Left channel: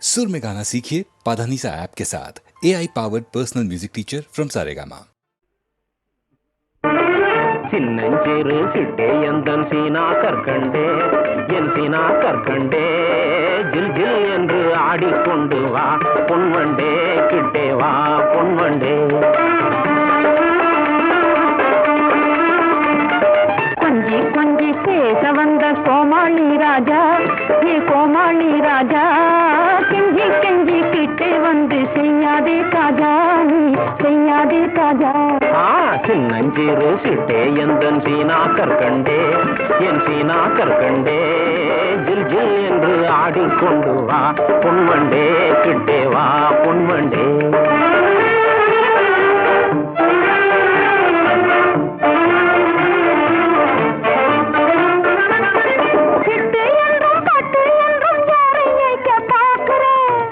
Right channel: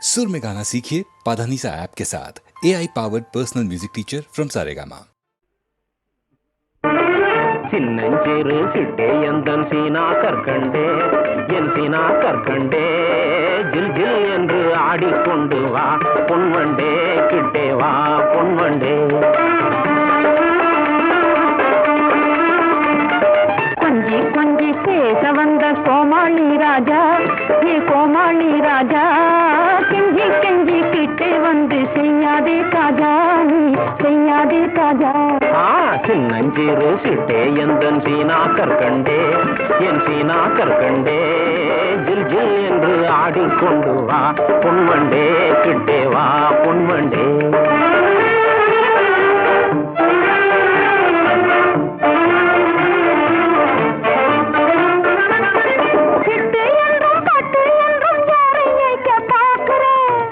सुर में गाना सीखिए पाधानीसा ऐप के साथ। AI powered personal music teacher from Saregama. சின்னஞ்சிறு சிட்டே எந்தன் சீனா கற்கண்டே என் சீனா கற்கண்டே ஜில் ஜில் என்று ஆடிக்கொண்டு வா பொன்வண்டே கிட்டே வா பொன்வண்டே. கொஞ்சி கொஞ்சி பேச வந்த கோமாளி ராஜா, நீ கோமாளி ராஜா, கெஞ்சி கெஞ்சி கிட்டே வந்து செய்யாதே தாஜா, நீ செய்யாதே தாஜா. சின்னஞ்சிறு சிட்டே எந்தன் சீனா கற்கண்டே என் சீனா கற்கண்டே ஜில் ஜில் என்று ஆடிக்கொண்டு வா பொன்வண்டே கிட்டே வா பொன்வண்டே.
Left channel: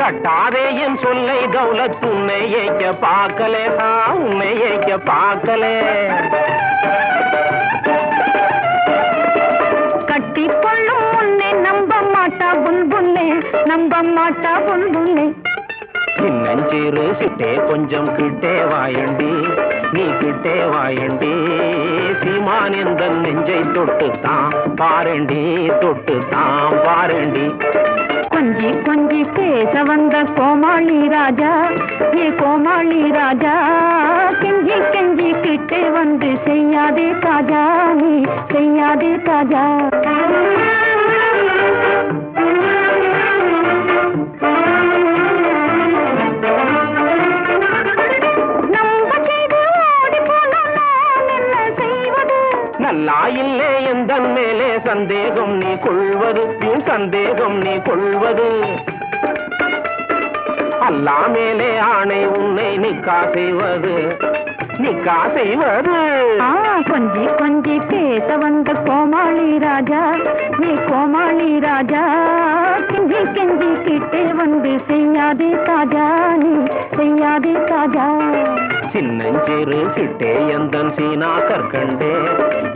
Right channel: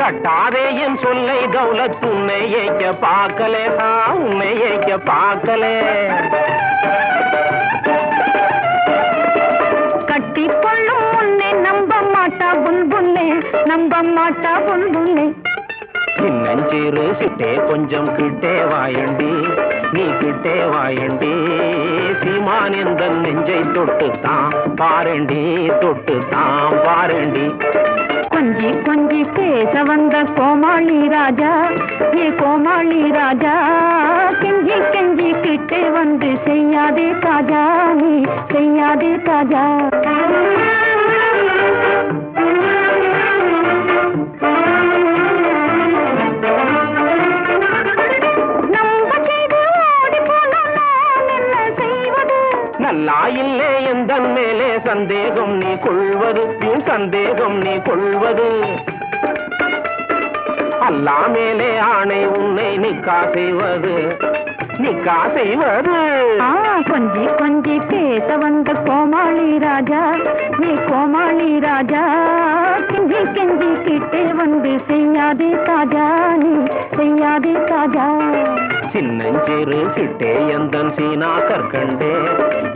தட்டாதே என் சொல்லை தௌலத் உன்னை ஏய்க்க பார்க்கலே, உன்னை ஏய்க்க பார்க்கலே. கட்டிக்கொள்ளும் முன்னே நம்ப மாட்டா புல்புல்லே, நம்ப மாட்டா புல்புல்லே. சின்னஞ்சிறு சிட்டே கொஞ்சம் கிட்டே வாயண்டி, நீ கிட்டே வாயண்டி, சீமான் எந்த நெஞ்சை தொட்டுத்தான் பாரண்டி, தொட்டுத்தான் பாரண்டி. கொஞ்சி கொஞ்சி பேச வந்த கோமாளி ராஜா, நீ கோமாளி ராஜா, கெஞ்சி கெஞ்சி கிட்டே வந்து செய்யாதே தாஜா, நீ செய்யாதே தாஜா. நல்லா இல்லே எந்த மேலே சந்தேகம் நீ கொள்வது, சந்தேகம் நீ கொள்வது. அல்லா மேலே ஆணை உன்னை நிக்கா செய்வது, நிக்கா செய்வது. கொஞ்சி கொஞ்சி பேச வந்த கோமாளி ராஜா, நீ கோமாளி ராஜா, கெஞ்சி கெஞ்சி கிட்டே வந்து செய்யாதே தாஜா, நீ செய்யாதே தாஜா. சின்னஞ்சிறு சிட்டே எந்தன் சீனா கற்கண்டே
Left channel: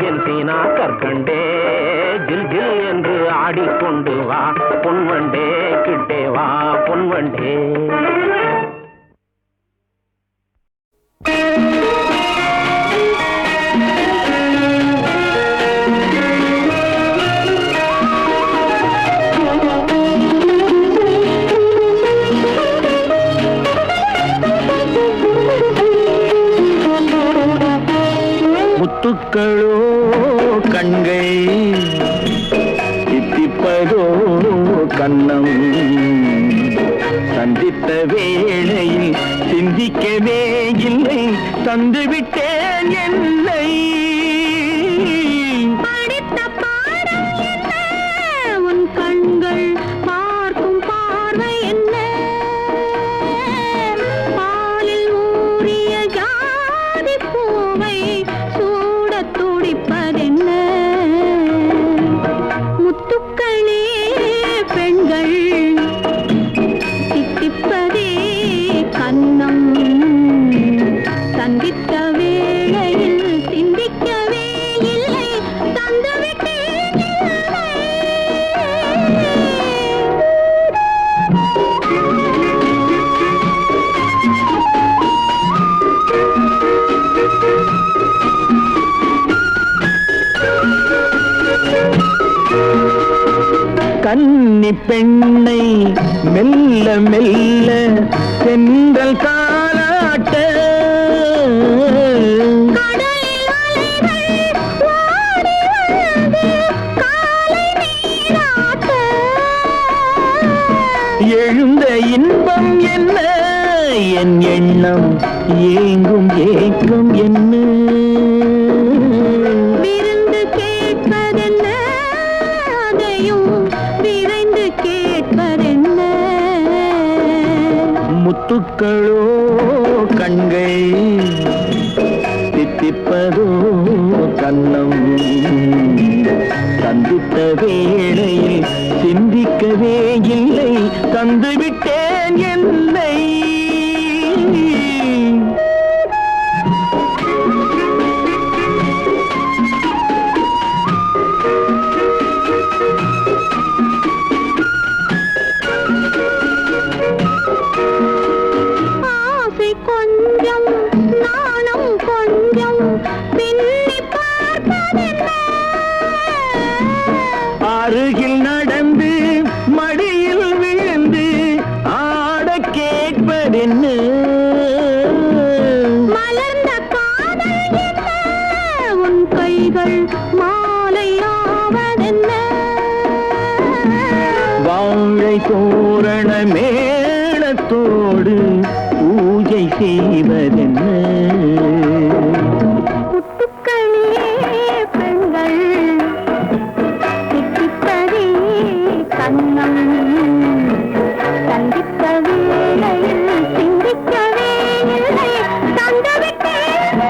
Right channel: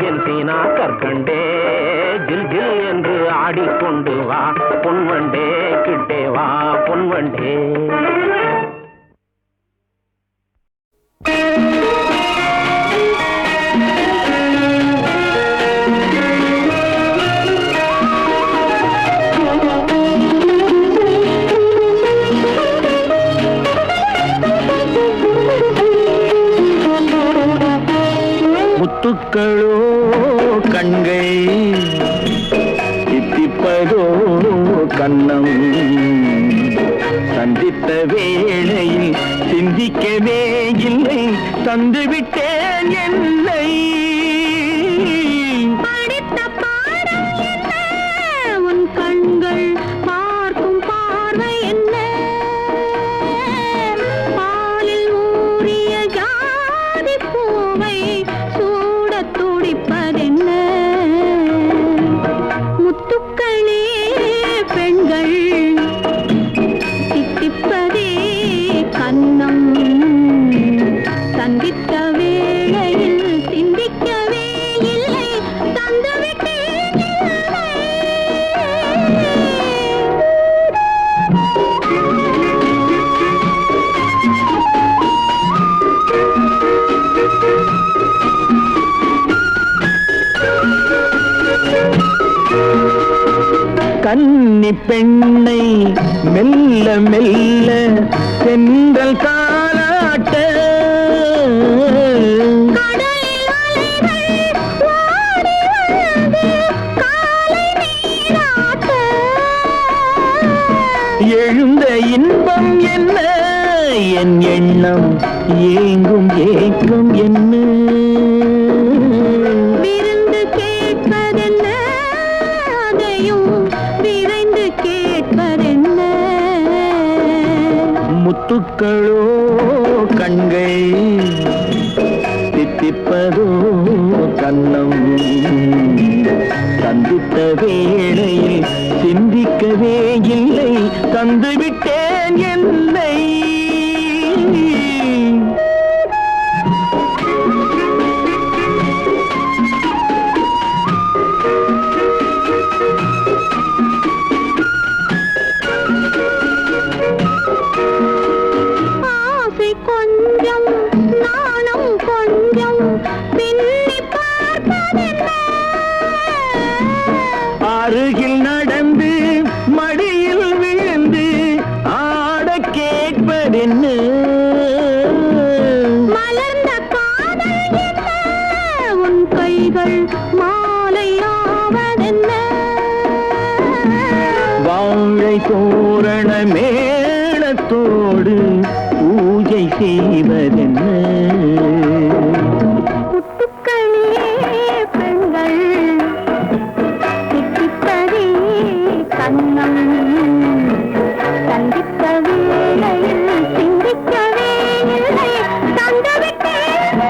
என் சீனா கற்கண்டே ஜில் ஜில் என்று ஆடிக்கொண்டு வா பொன்வண்டே கிட்டே வா பொன்வண்டே. முத்துக்களோ கண்கை தித்திப்பதோ கண்ணம், சந்தித்த வேளையில் சிந்திக்கவே இல்லை, தந்துவிட்டேன் என்னை. படித்த பாடம் என்ன, உன் கண்கள் பார்க்கும் பார்வை என்ன, பாலில் ஊறிய ஜாதி பூவை சூட துடிப்பதென்ன. முத்துக்களே பெண்கள் தித்திப்பதே கண்ணம், சந்தித்த வேளையில் சிந்திக்கவே இல்லை, தந்துவிட்டேன் இல்லை. கன்னி பெண்ணை மெல்ல மெல்ல சென்றல் காலாட்ட, கடலில் அலைகள் ஓடி வந்து காலை நீராட்ட, எழுந்த இன்பம் என்ன, என் எண்ணம் ஏங்கும் ஏக்கம் என்ன. விருந்து கேட்பதென்ன, அதையும் விரைந்து கேட்பதென்ன. முத்துக்களோ கண்கை தித்திப்பதோ கண்ணம், சந்தித்த வேளையில் சிந்திக்கவே இல்லை, தந்துவிட்டேன் என்னை. பூரண மேளத்தோடு பூஜை செய்வதென்ன? முத்துக்களே பெண்கள் தித்திப்பதே கண்ணம் சந்தித்த வேளையில் சிந்திக்கவே இல்லை தந்துவிட்டேன்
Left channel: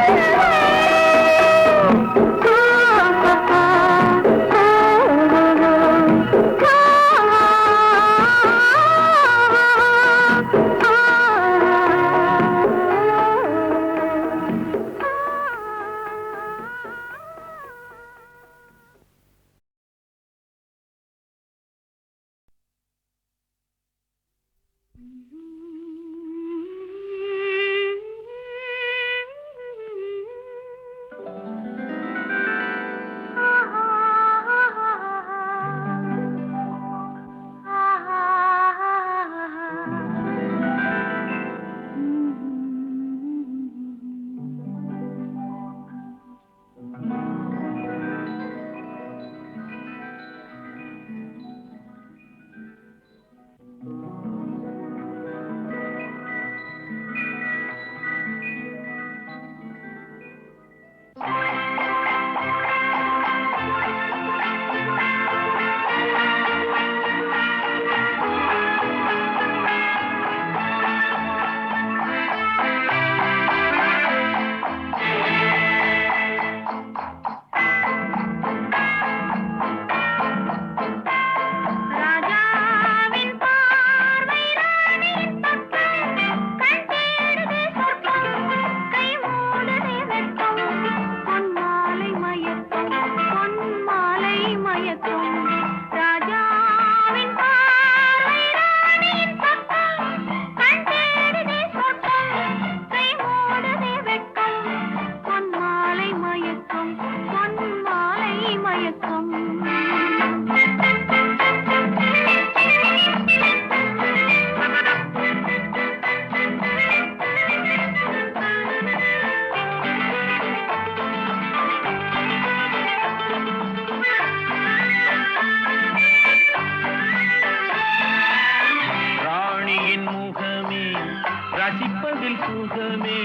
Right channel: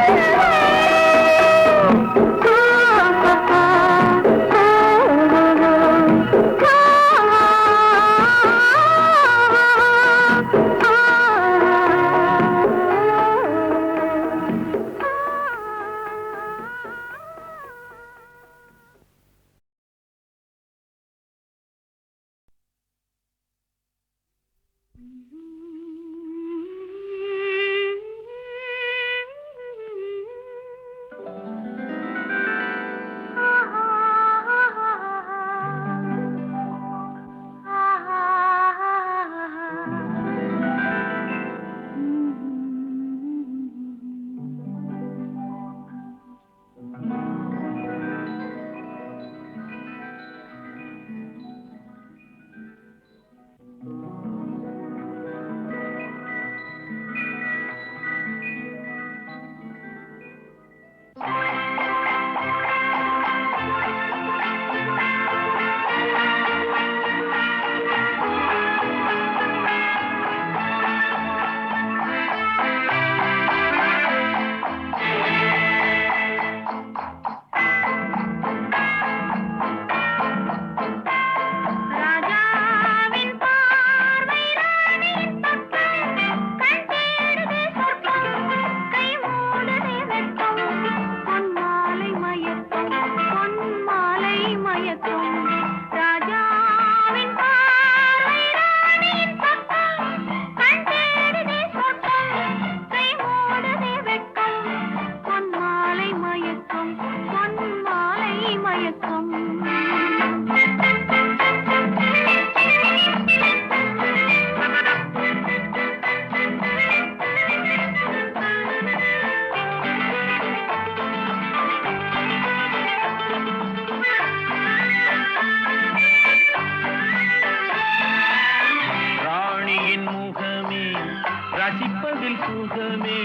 ரசிப்பதில் சுகமே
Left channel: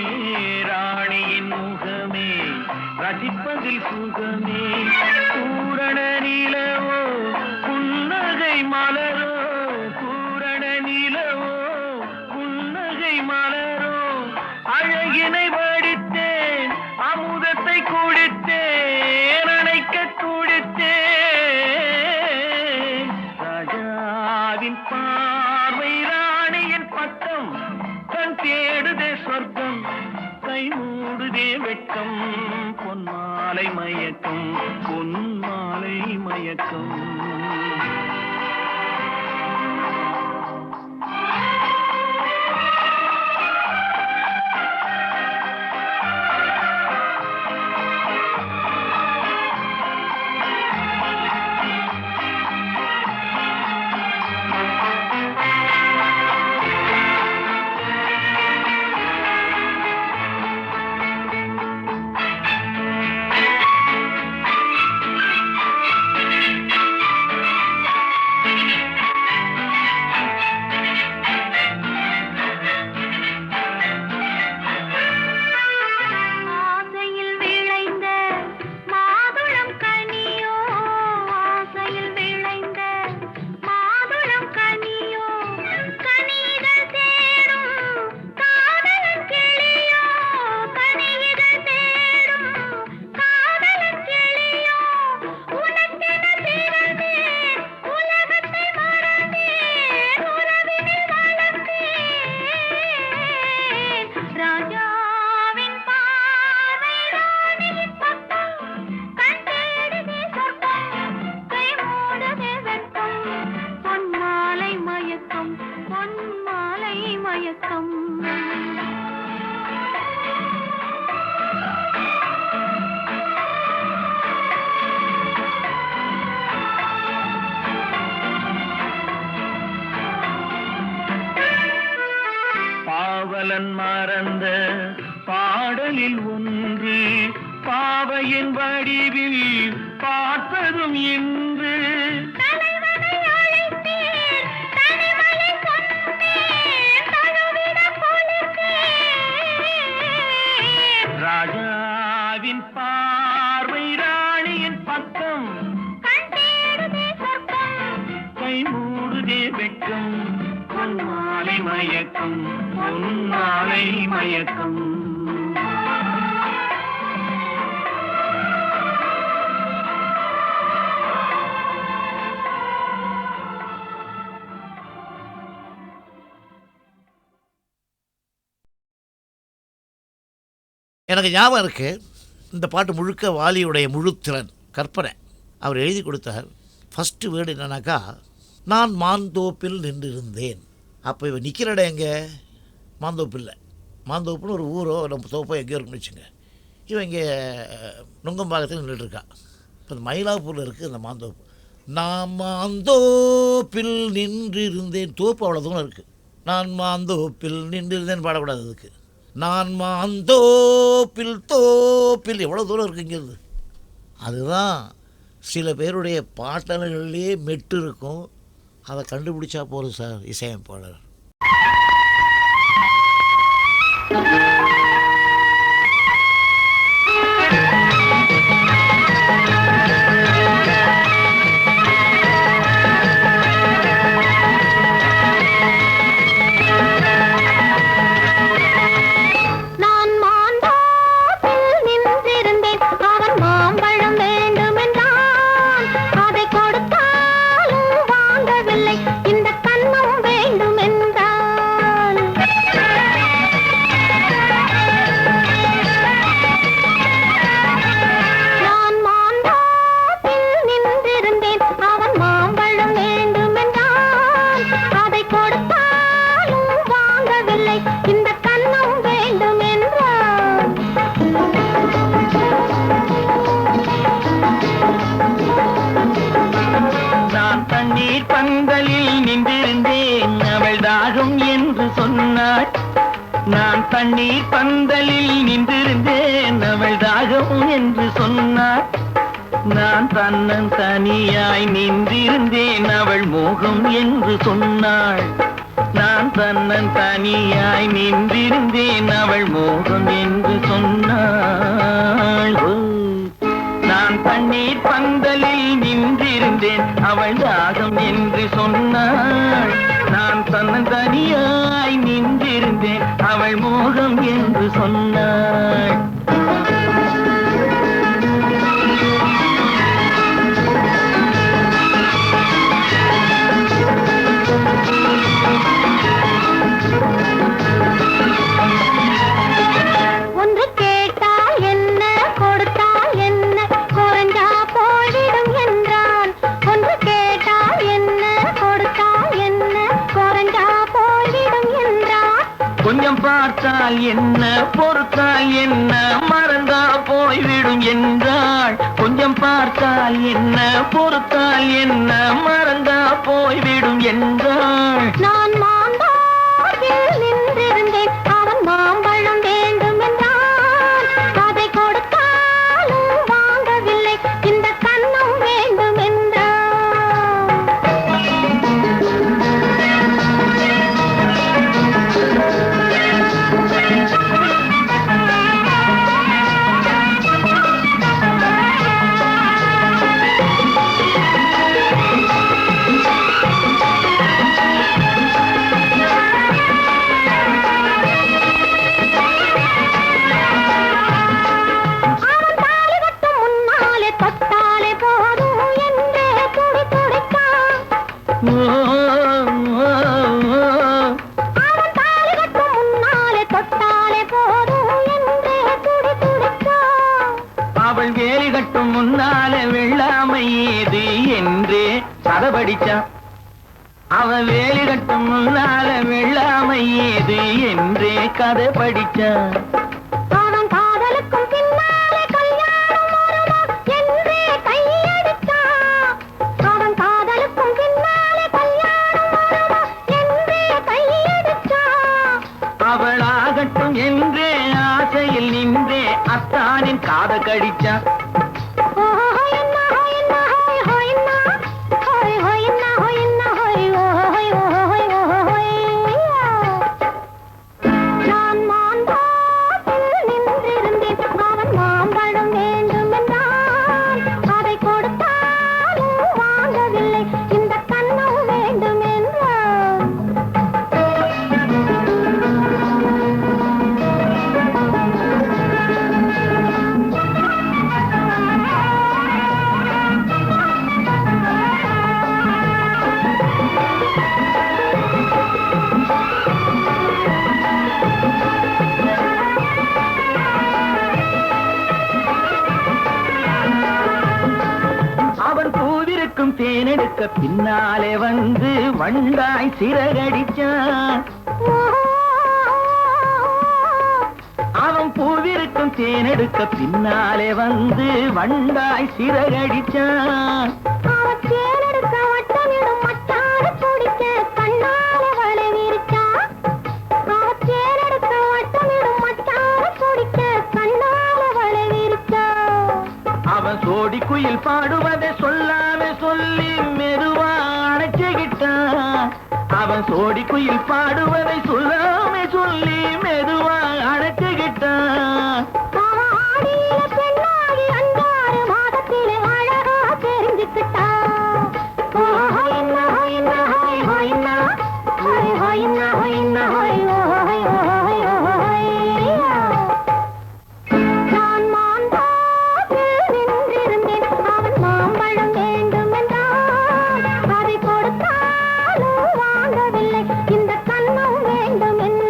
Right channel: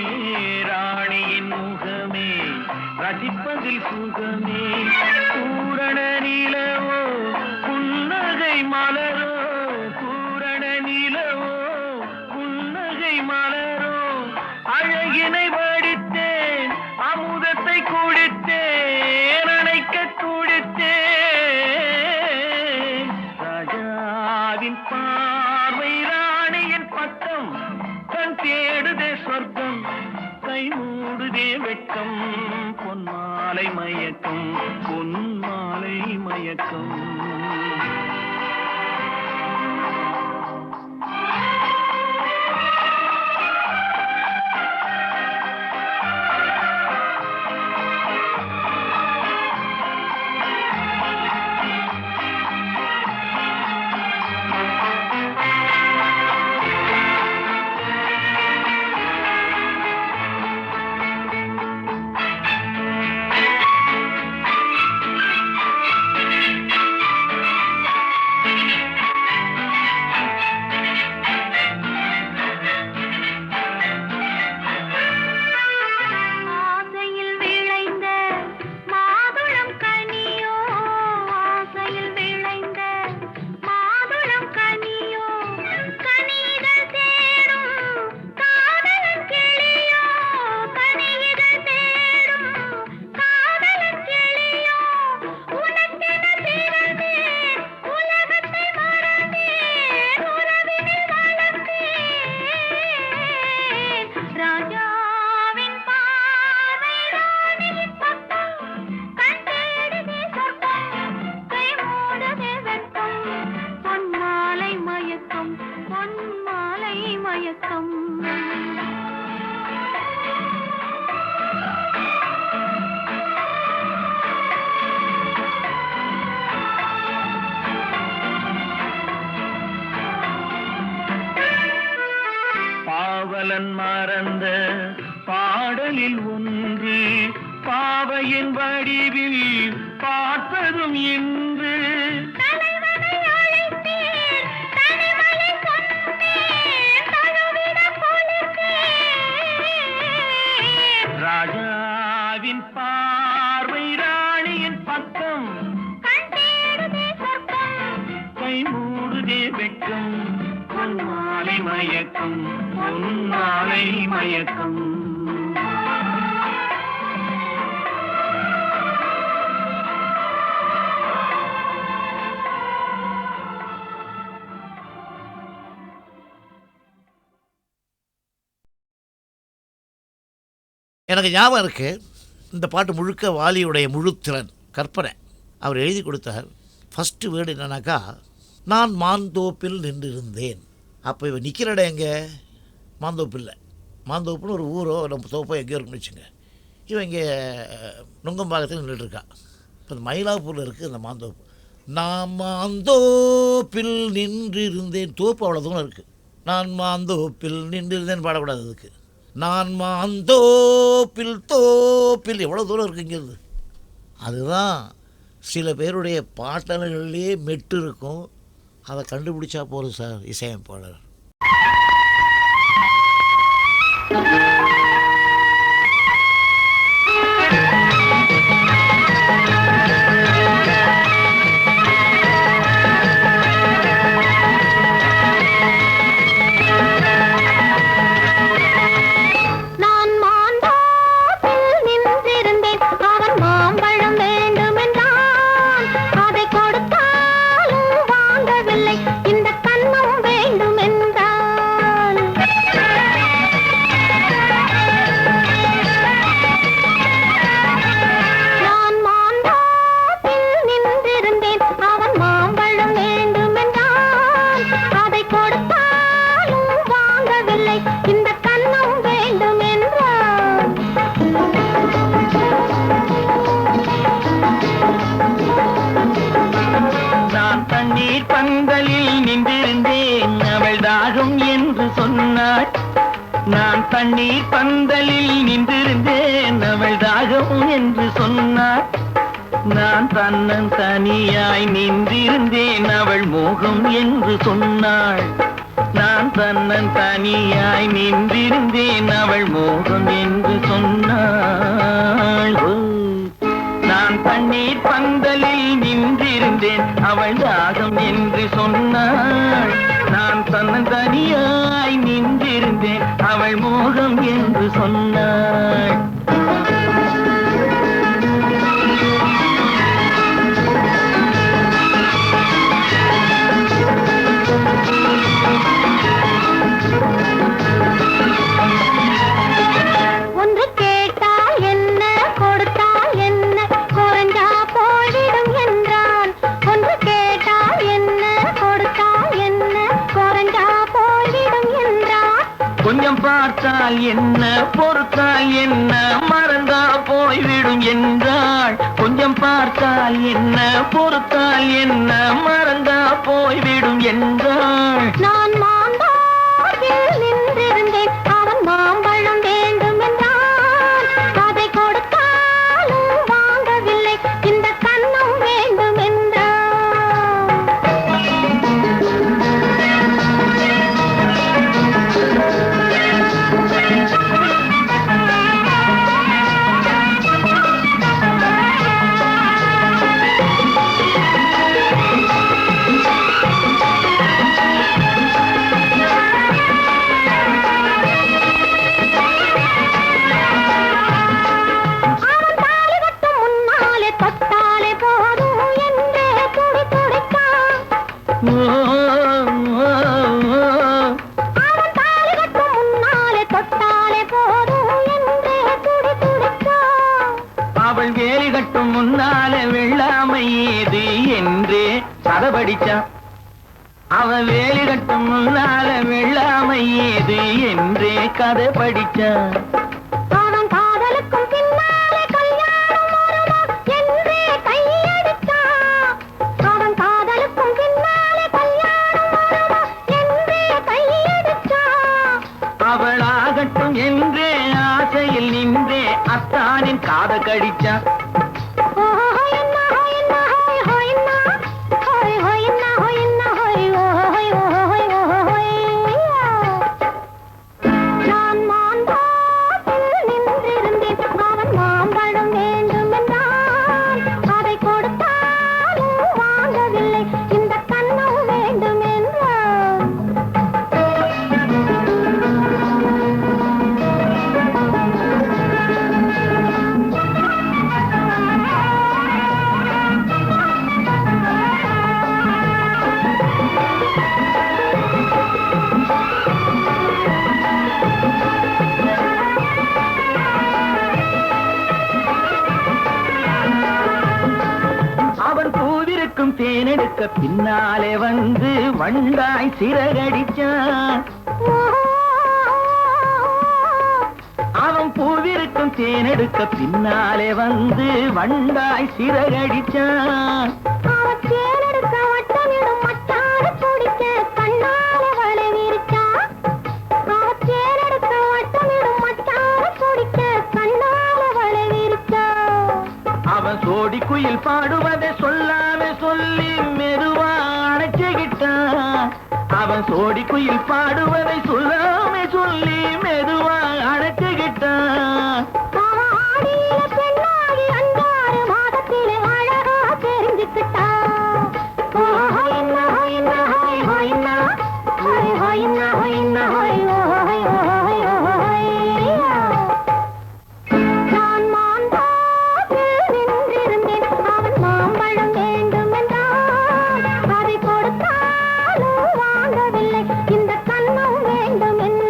ராணியின் முகமே ரசிப்பதில் சுகமே பூரண நிலவோ புன்னகை மலரோ பூரண நிலவோ புன்னகை மலரோ அழகினை வடித்தேன் அமுதத்தை குடித்தேன் அணைக்க குடித்தேன் ராஜாவின் பார்வை ராணியின் பக்கம் கண் தேடுதே சொர்க்கம் கை மூடுதே வெட்கம் பொன்மாலை மயக்கம் பொன்மாலை மயக்கம் பாவலன் மறந்த பாடலில் ஒன்று பாவையின் வடிவில் பார்த்ததும் இன்று தலைவனை அழைத்தேன் தனிமலை மாலை மயக்கம் பொன்னாலை மயக்கம். எனக்கு ஞாபகம் இருக்குது, இந்த பாட்டு முழுக்க வாலியுடைய முழுத்திறன் கற்பனை. அவர் எழுதி கொடுத்தார். ஃபஸ்ட்டு வேர்டு என்னன்னாக்கா, நான் மாந்தோப்பில் நின்றிருந்தேன். அப்போ இவன் நிற்கிற இடம் எங்கே? மாந்தோப்பில்லை. மாந்தோப்புன்னு ஒரு ஊரோ நம்ம தோப்போ எங்கேயோ இருக்குன்னு வச்சுங்க. இவன் இங்கே நுங்கம்பாக்கத்தில் நின்றுட்டுருக்கான். இப்போ இந்த மயிலாப்பூரில் இருக்குது இந்த மாந்தோப்பு. நான் மாந்தோப்பில் நின்றிருந்தேன். தோப்பு அவ்வளோ தூரம் இருக்குது. நான் மாந்தோப்பில் நின்றிருந்தேன் பாடக்கூடாது. அதுக்கு நான் மாந்தோப்பில் தோப்பில் எவ்வளோ தூரம் இருக்குங்கிறது. அதுதான் சில பேருடைய பாட்டல்கள்லேயே மெட்டு இருக்கும். அதை கண்டுபிடிச்சா போதும் சார் இசையமைப்பாளர். நான் தண்ணீர் பந்தலில் நின்றிருந்தேன், அவள் தாகம் என்று சொன்னாள். நான் தன்னன் தனியாய் நின்றிருந்தேன், அவள் மோகம் என்று சொன்னாள். நான் தன்னன் தனியாய் நின்றிருந்தேன், அவள் மோகம் என்று சொன்னாள். நான் தண்ணீர் பந்தலில் நின்றிருந்தேன், அவள் தாகம் என்று சொன்னாள். நான் தன்னன் தனியாய் நின்றிருந்தேன், அவள் மோகம் என்று சொன்னாள். ஒன்று கேட்டால் என்ன, கொடுத்தால் என்ன, குறைஞ்சா போய்விடும் என்றான். ஒன்று கேட்டால் என்ன, கொடுத்தால் என்ன, குறைஞ்சா போய்விடும் என்றான். கொஞ்சம் பார்த்தால் என்ன, பொறுத்தால் என்ன, மறந்தா போய்விடும் என்றாள். கொஞ்சம் பார்த்தால் என்ன, பொறுத்தால் என்ன, மறந்தா போய்விடும் என்றாள். நான் மாந்தோப்பில் நின்றிருந்தேன், அவன் மாம்பழம் வேண்டும் என்றான். அதை கொடுத்தாலும் வாங்கவில்லை, இந்த கன்னம் வேண்டும் என்றான். அவள் வேலி கட்டும் முன்னாலே வெள்ளாமை ஏது என்றே கதை படிச்சான். அவள் வேலி கட்டும் முன்னாலே வெள்ளாமை ஏது என்றே கதை படிச்சான். அவன் காதலுக்கும் பின்னாலே கல்யாணம் வருமா என்றே கையடித்தான். அவன் காதலுக்கும் பின்னாலே கல்யாணம் வருமா என்றே கையடித்தான். அவளாகட்டும் என்றே ஆசையில் நின்றே அத்தானின் காத கடிச்சான். நான் மாந்தோப்பில் நின்றிருந்தேன், அவன் மாம்பழம் வேண்டும் என்றான். அதை கொடுத்தாலும் வாங்கவில்லை, இந்த கன்னம் வேண்டும் என்றான். தேனெடுக்க பின்னாலே வந்து வண்டாய் சிறகடிச்சான். அவன் பூவிருக்கும் தேனெடுக்க பின்னாலே வந்து வண்டாய் சிறகடிச்சான். தேனெடுக்க வட்டமிடும் மட்டார பிடிக்க கண்ணாலே வலை விரிச்சான். தேனெடுக்க வட்டமிடும் மட்டார பிடிக்க கண்ணாலே வலை விரிச்சான். அவன் சோடி குயில் பாடுவதை சொல்லாம சொல்லி மெதுவா அணைச்சுக்கிட்டான். அவன் சோடி குயில் பாடுவதை சொல்லாம சொல்லி மெதுவா அணைச்சுக்கிட்டான். ஆடியில பெண்ணாகி 5 மாதத்திலே அழகா தெரிஞ்சுக்கிட்டான். நான் மாந்தோப்பில் நின்றிருந்தேன். அவன் மாம்பழம் வேண்டும் என்றான். அதை கொடுத்தாலும் வாங்கவில்லை. இந்த கன்னம் வேண்டும் என்றான்.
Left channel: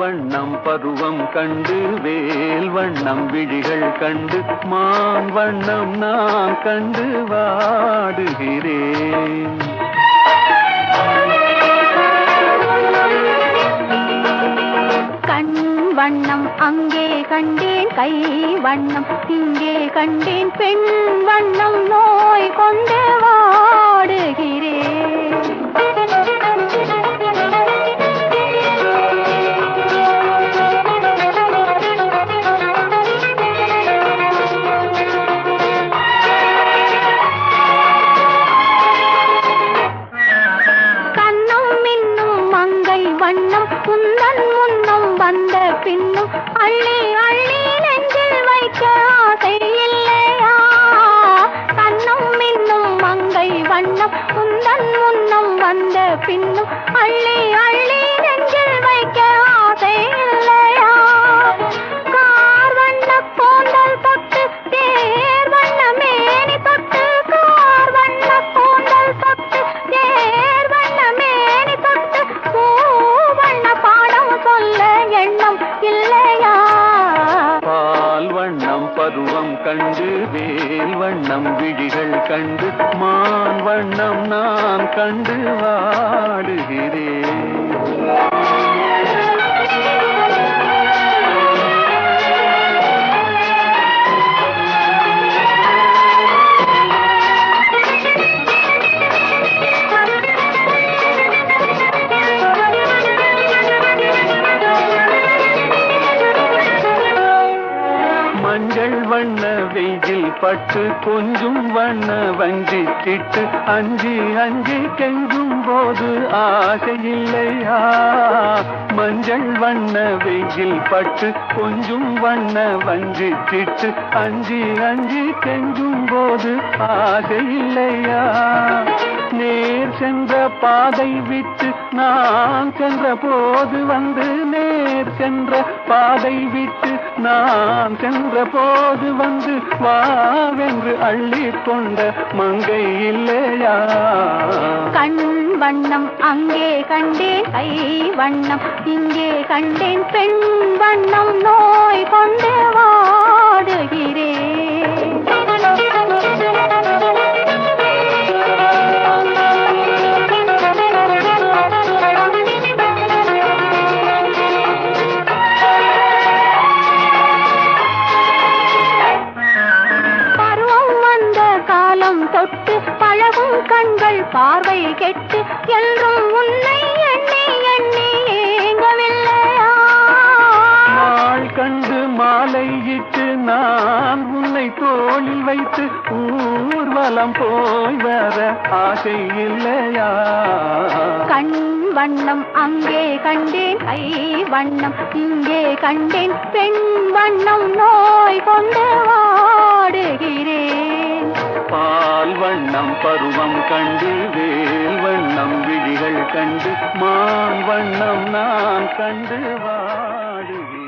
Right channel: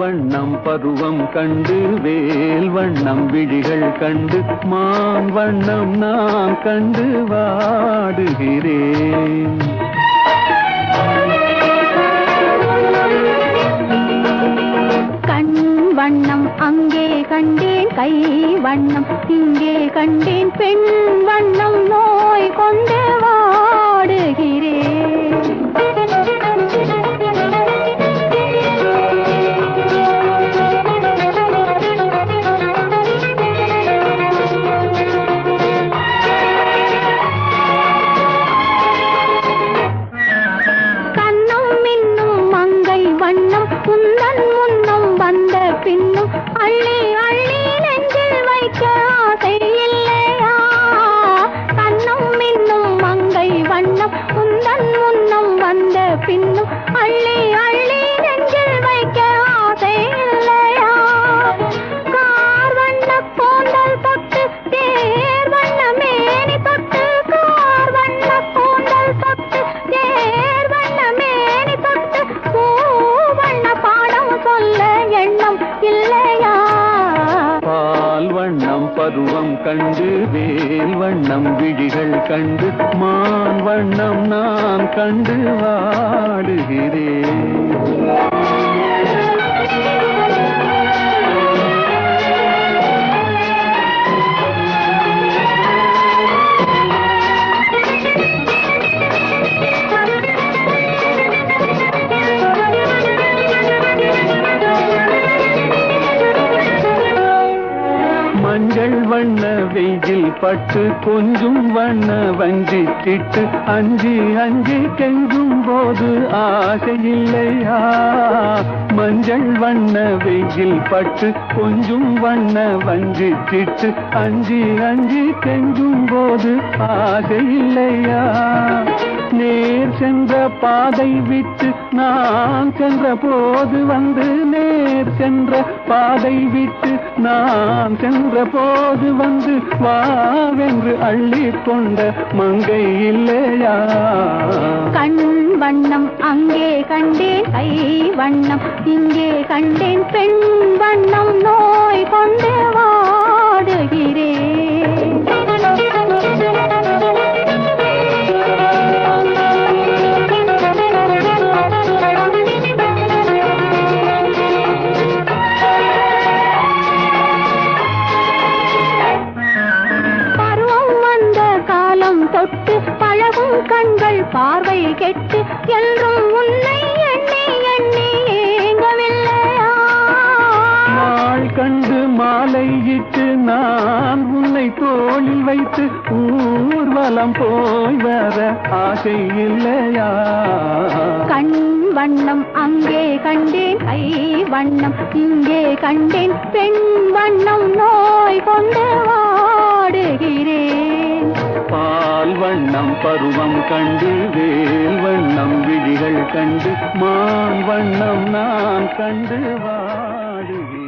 வண்ணம் பருவம் கண்டு வேல் வண்ணம் விழிகள் கண்டு மான் வண்ணம் நான் கண்டு வாடுகிறேன். கண் வண்ணம் அங்கே கண்டேன், கை வண்ணம் இங்கே கண்டேன், பெண் வண்ணம் நோய் கொண்டு வாடுகிறேன். பின்னும் அள்ளி அள்ளி நெஞ்சில் வைக்க ஆசை இல்லையா? கண்ணம் மின்னும் மங்கை வண்ணம் உந்தன் முன்னம் வந்த பின்னும் அள்ளி அள்ளி நெஞ்சில் வைக்க ஆசை இல்லையா? கார் வண்ண கூந்தல் தொட்டு தேர் வண்ண மேனி தொட்டு, கார் வண்ண கூந்தல் தொட்டு தேர் வண்ண மேனி தொட்டு, பூ வண்ண பாடம் சொல்ல எண்ணம் இல்லையா? பால் வண்ணம் பருவம் கண்டு வேல் வண்ணம் விழிகள் கண்டு மான் வண்ணம் நான் கண்டு வாடுகிறேன். மஞ்சள் வண்ண வெயில் பட்டு கொஞ்சம் வண்ண வஞ்சி திட்டு அஞ்சி அஞ்சி கெஞ்சும் போது ஆசை இல்லையா? மஞ்சள் வண்ண வெயில் பட்டு கொஞ்சம் வண்ண வஞ்சி திட்டு அஞ்சி அஞ்சி கெஞ்சும் போது ஆசை இல்லையா? நேர் சென்ற பாதை விட்டு நான் சென்ற போது வந்து, நேர் சென்ற பாதை விட்டு நான் சென்ற போது வந்து வாவென்று அள்ளி கொண்ட மங்கை இல்லையா? கண் வண்ணம் அங்கே கண்டேன், கை வண்ணம் இங்கே கண்டேன், பெண் வண்ணம் நோய் கொண்டு வாடுகிறேன். தொட்டு பழகும் கண்கள் பார்வை கெட்டு என்றும் உன்னை எண்ணி எண்ணி ஏங்கவில்லையா? தோளில் வைத்து ஊர்வலம் போய் வர ஆசை இல்லையா? கண் வண்ணம் அங்கே கண்டேன், கை வண்ணம் இங்கே கண்டேன், பெண் வண்ணம் நோய் கொண்டு வாடுகிறேன். பால் வண்ணம் பருவம் கண்டு வேல் வண்ணம் விழிகள் கண்டு மான் வண்ணம் நான் கண்டு வாடுகிறேன்.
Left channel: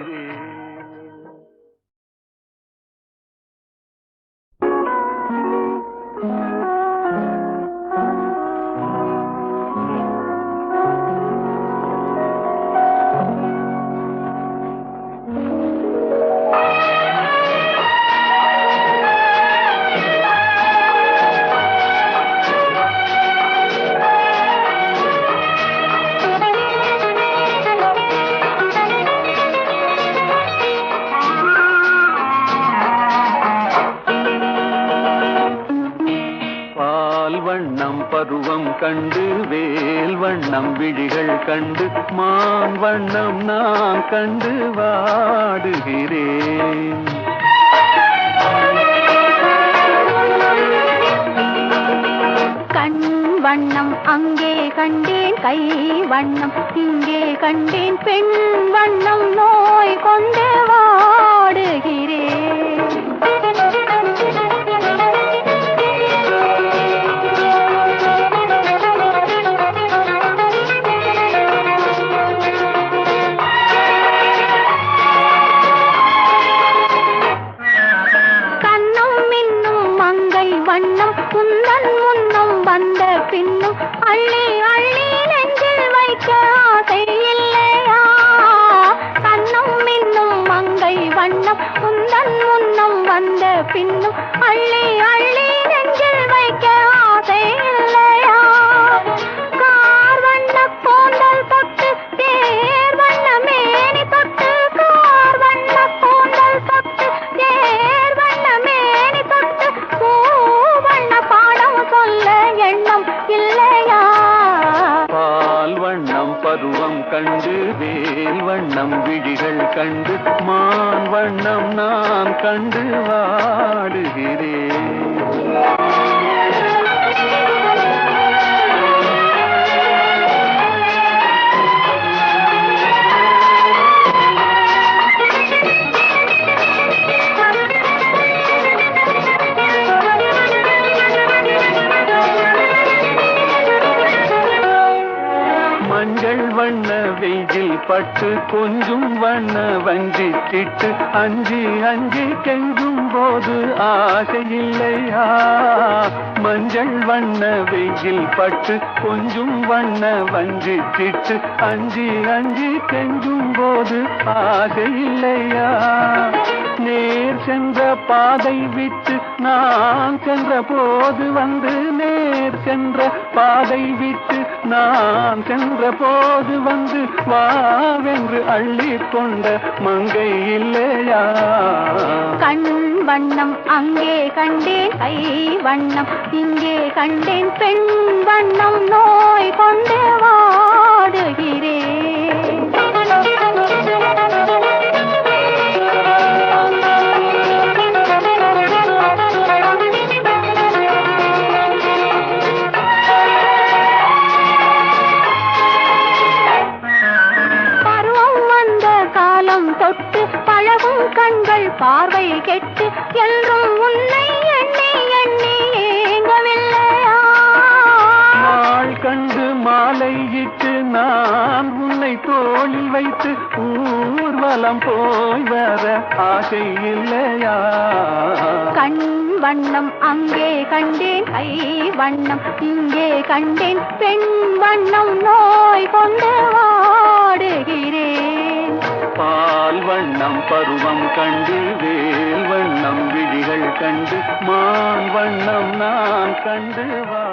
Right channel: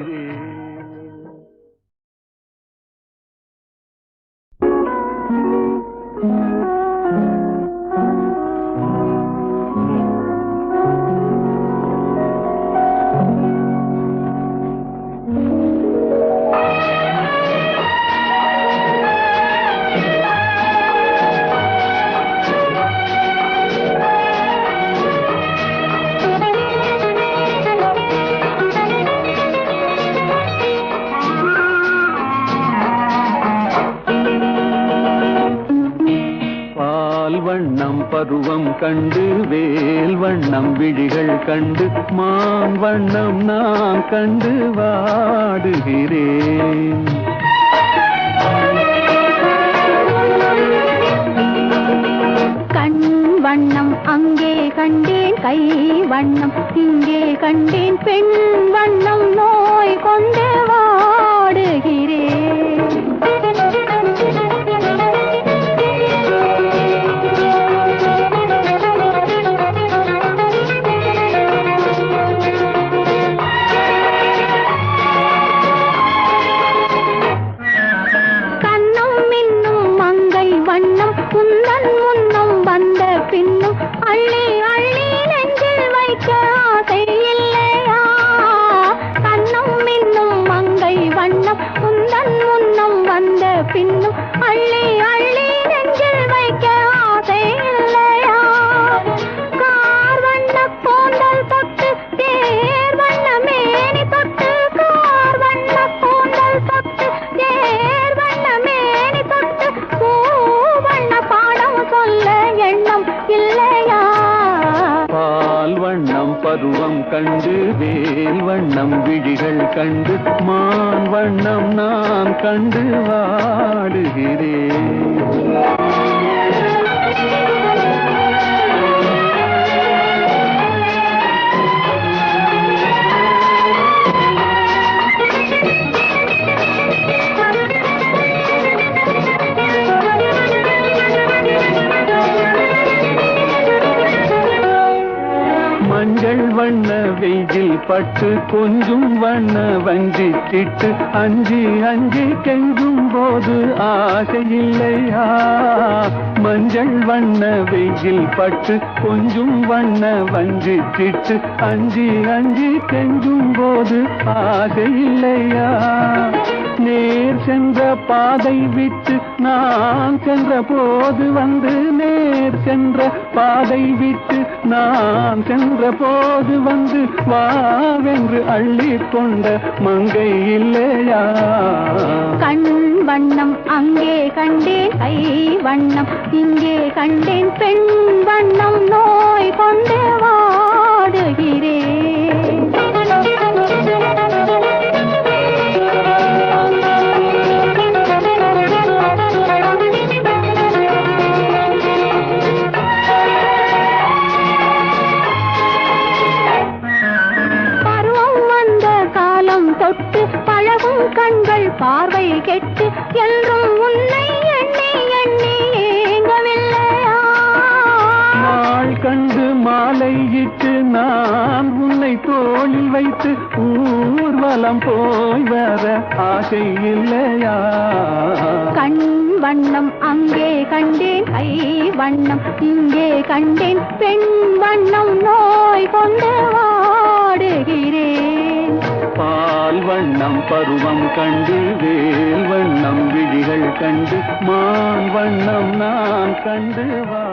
பருவம் கண்டு வேல் வண்ணம் விழிகள் கண்டு மான் வண்ணம் நான் கண்டு வாடுகிறேன். கண் வண்ணம் அங்கே கண்டேன், கை வண்ணம் இங்கே கண்டேன், பெண் வண்ணம் நோய் கொண்டு வாடுகிறேன். பருவம் கண்டு வேல் வண்ணம் விழிகள் கண்டு மான் வண்ணம் நான் கண்டு வாடுகிறேன். மஞ்சள் வண்ண வெயில் பட்டு கொஞ்சம் வண்ண வஞ்சி திட்டு அஞ்சி அஞ்சி கெஞ்சும் போது ஆசை இல்லையா? மஞ்சள் வண்ண வெயில் பட்டு கொஞ்சம் வண்ண வஞ்சி திட்டு அஞ்சி அஞ்சி கெஞ்சும் போது ஆசை இல்லையா? நேர் சென்ற பாதை விட்டு நான் சென்ற போது வந்து நேர் சென்ற பாதை விட்டு நான் சென்ற போது வந்து வாவென்று அள்ளி கொண்ட மங்கை இல்லையா? கண் வண்ணம் அங்கே கண்டேன், கை வண்ணம் இங்கே கண்டேன், பெண் வண்ணம் நோய் கொண்டு வாடுகிறேன். தொட்டு பழகும் கண்கள் பார்வை கெட்டு என்றும் உன்னை எண்ணி எண்ணி ஏங்கவில்லையா? நாள் கண்டு மாலையிட்டு நான் உன்னை தோளில் வைத்து ஊர்வலம் போய் வர ஆசை இல்லையா? கண் வண்ணம் அங்கே கண்டேன், கை வண்ணம் இங்கே கண்டேன், பெண் வண்ணம் நோய் கொண்டு வாடுகிறேன். பால் வண்ணம் பருவம் கண்டு வேல் வண்ணம் விழிகள் கண்டு மான் வண்ணம் நான் கண்டு வா